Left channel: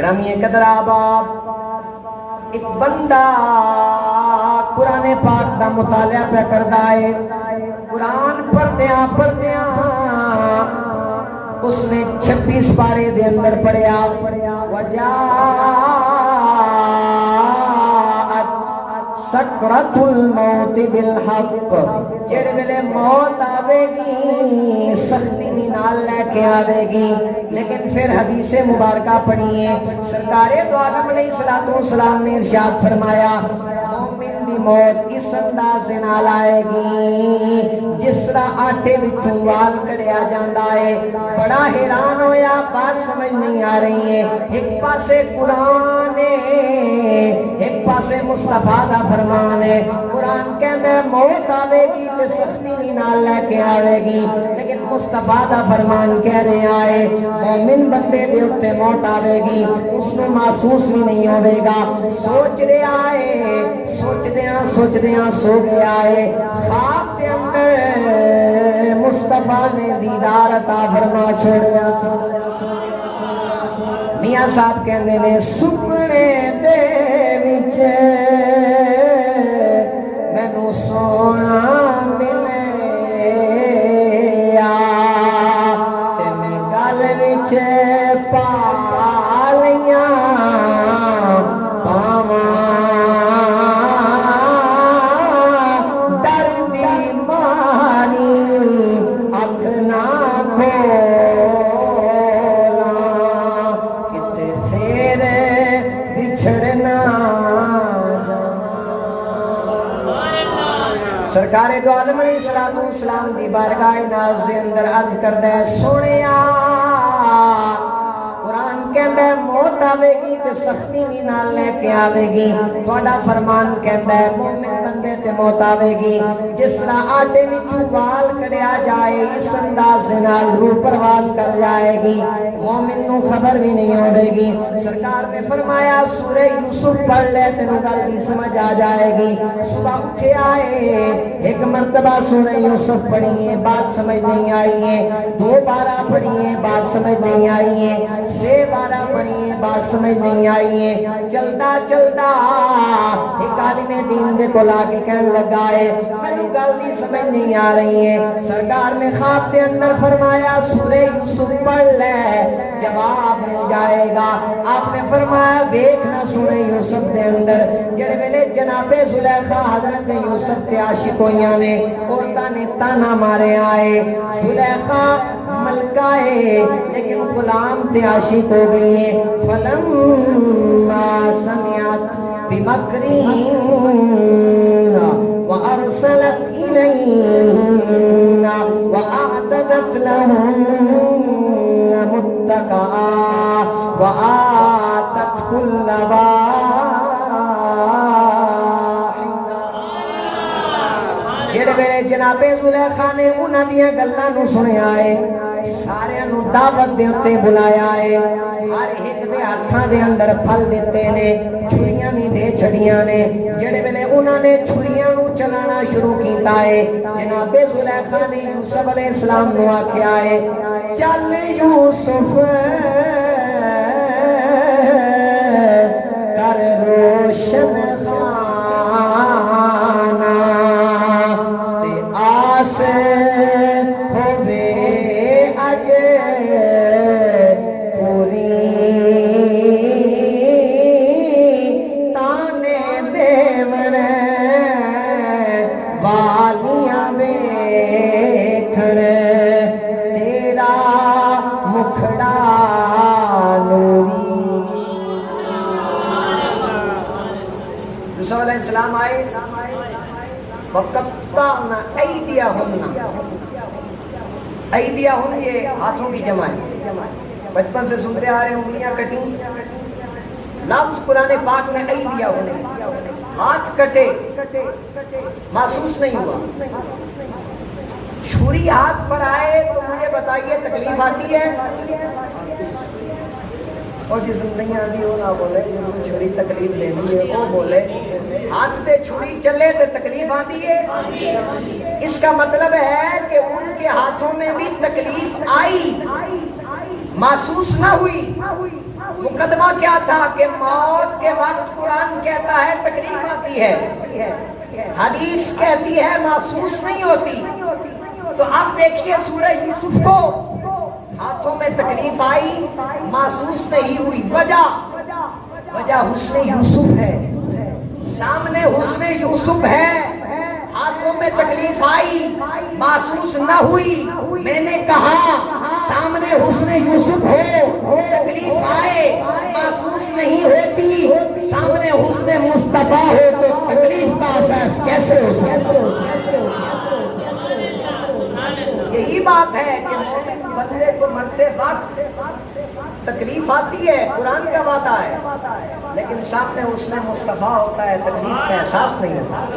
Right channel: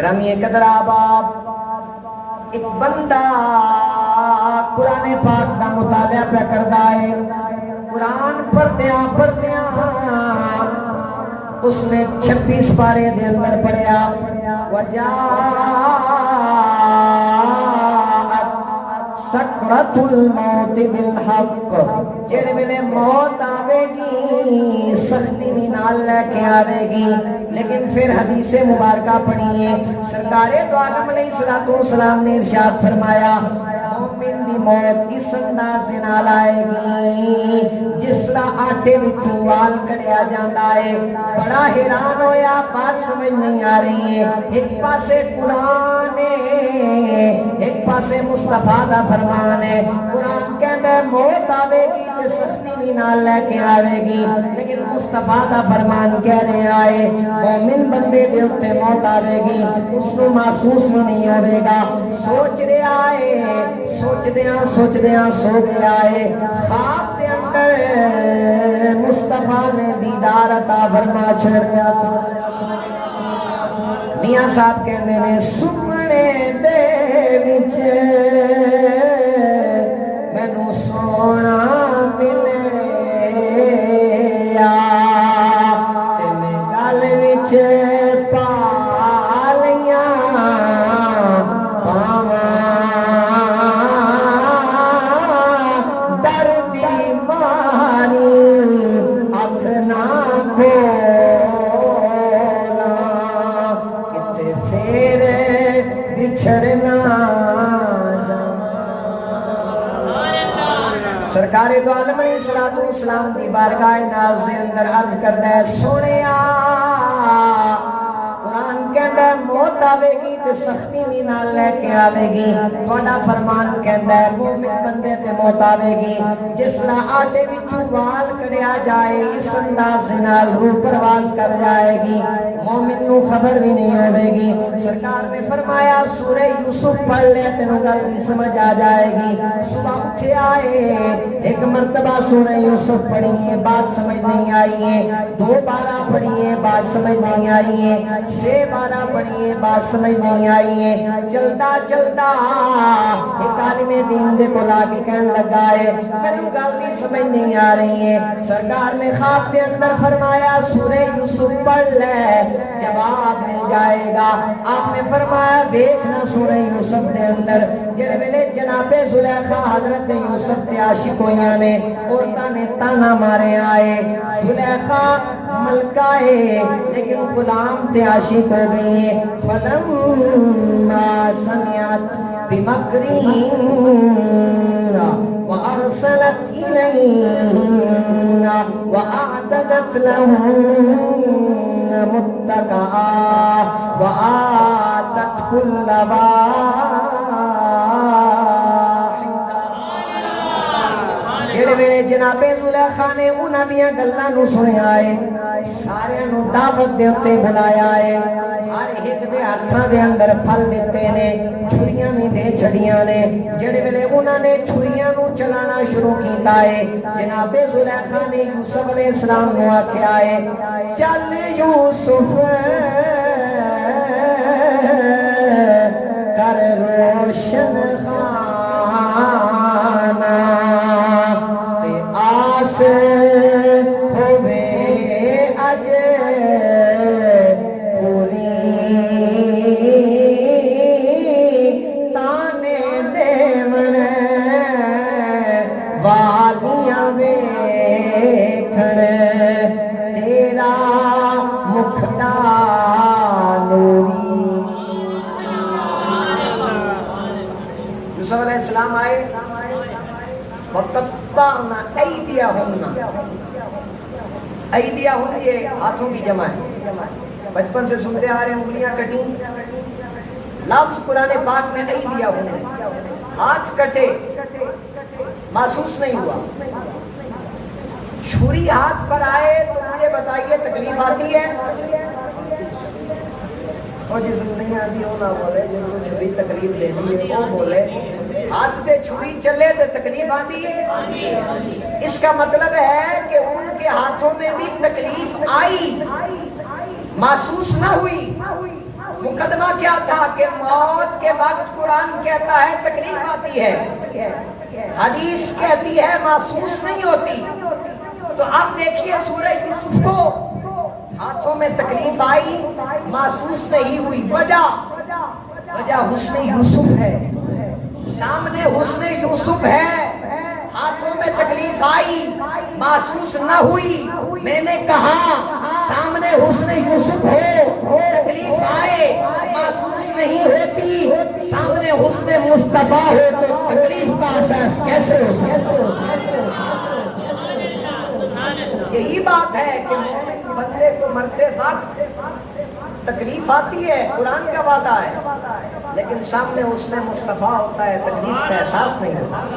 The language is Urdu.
گرامی قدر آباد ایک بندہ قرآن پاک کا مطالعہ پہ کرتا ہے. قرآن پڑھدیاں اس نے 26 پارے دے اندر پڑھیا وجاءت سکرۃ الموت بالحق. جڑے ویلے موت آوے گی سختی بھی نال لے کے آوے گی. لیکن پھر حدیث مبارکہ پڑھیے سرکار دو عالم علیہ السلام نے ارشاد فرمایا مومن دی موت اس انداز نال آئے گی جس طرح آٹے وچوں وال کڑیا جاندا ہے. بڑا حیران ہویا بات سمجھ نہیں آ رہی ہے. ایک پاسے قرآن ہے ایک پاسے مصطفیٰ دا فرمان ہے. قرآن کہندا ہے موت آوے گی تے سختی بھی نال لے کے آوے گی. لیکن مصطفیٰ دا فرمان کہہ رہا ہے مومن بندے دے اوتے موت آوے گی اس کو محسوس بھی نہیں ہوے گا. سوچ رہا ہے سوچدیاں سو گیا ہے. خواب دے اندر مصطفیٰ نے دیدار عطا فرما چھوڑیا. میاں صاحب کہندے نے سپنے دے وچ مینوں سونا ملیا تے میں گل وچ پا لیاں پاواں ڈر دی ماری اکھ نہ کھولاں کتے پھر بچھڑنا سرکار دو عالم علیہ السلام کی بارگاہ ناز دے اندر عرض کردا ہے سونیا قرآن کہندا ہے موت آوے گی تے سختی بھی نال لے کے آوے گی. تہاڈا فرمان کہندا ہے مومن بندے تے موت آوے گی جس طرح آٹے وچوں وال کڑیا جائے اس انداز نال روح پرواز کر جائے گی. مومن نو خبر بھی نہیں آئے گی. سرکار نے فرمایا سورہ یوسف پڑھ لے تینوں گل بھی سمجھ آ جائے گی. صبح اٹھے آئے ایک مرتبہ سورہ یوسف پڑھیے بات سمجھ نہیں آئی ہے. 2 بارہ پڑھیے بات سمجھ نہیں آئی ہے. 6 بارہ پڑھیے بات سمجھ نہیں آئی ہے. چلدا ایک عالم دین دے کول آ کے کہنے لگا ہے مینوں گل نہیں سمجھ نہیں آ رہی ہے. سرکار نے خواب دے اندر فرمایا سورہ یوسف پڑھ لے جواب مل جائے گا. آپ نے فرمایا دیکھنا سورہ یوسف دے اندر جڑے ویلے جناب زلیخا حضرت یوسف تے عاشق ہویاں نے عورتاں نے تانا مارے آئے. زلیخا ملکہ ہے لیکن غلام تے عاشق ہو گئی ہے. فلما سمعت بمکرہن وارسلت الیہن واعتدت لہن متکئا وآتت کل جڑے میرے جناب زلیخا نے انہاں دیاں گلاں نوں سنیا ہے سارے نوں دعوت دے اُتے بلایا ہے. ہر ایک دے ہاتھاں دے اندر پھل دتے نے چھریاں بھی دے چھڑیاں نے. جڑے ویلے انہاں نے چھریاں نوں چلانا شروع کیتا ہے جناب زلیخا نے یوسف علیہ السلام نوں آکھیا ہے چل یوسف کر روشن خانہ تے آس ہوے اج پوری تانے دیون والیاں ویکھن تیرا مکھڑا نوری. یوسف علیہ السلام آئے وَقَطَّعْنَ أَيْدِيَهُنَّ. ایدیہن یہ ہاتھوں کی جمع ہے. بچپن سے سنتے آ رہے انگلیاں کٹی. لفظ قرآن پاک میں ایدیہن ہاتھ کٹے محسوس نہیں ہوا. چھری ہاتھ پر آئے تو مجھے بتائیے تکلیف آتی ہے؟ اور جس نہیں آتی وہ نہ بولے جس نے چھری تکلیف لینی ہے وہ بولے. ہاتھ پہ چھری چلے تو تکلیف آتی ہے. اس کا مطلب ہے کہ ان کے ہاتھوں میں بھی تکلیف آئی محسوس نہ ہوئی. مقدمہ کیا تھا کہ موت کے وقت قرآن کہتا ہے تکلیف آتی ہے، حدیث کہتی ہے محسوس نہیں ہوتی۔ تو اب دیکھیے سورہ یوسف کو، ہاتھوں میں تکلیف آئی، محسوس نہیں ہوئی، وجہ حسن یوسف ہے، سامنے حسن یوسف ہے، ہاتھوں میں تکلیف آئی، محسوس نہ ہوئی۔ میں نے کہا سامنے حسن یوسف ہو، تکلیف آئے، محسوس نہیں ہوتی، سامنے حسن مصطفیٰ ہو تو تکلیف کا احساس کیسے ہو سکتا؟ یہی بات ہے کہ مومن بندے کو مرتے وقت تکلیف آتی ہے، قرآن کا وعدہ ہے، لیکن سامنے حسن مصطفیٰ ہوتا ہے، تکلیف کا احساس نہیں ہوتا۔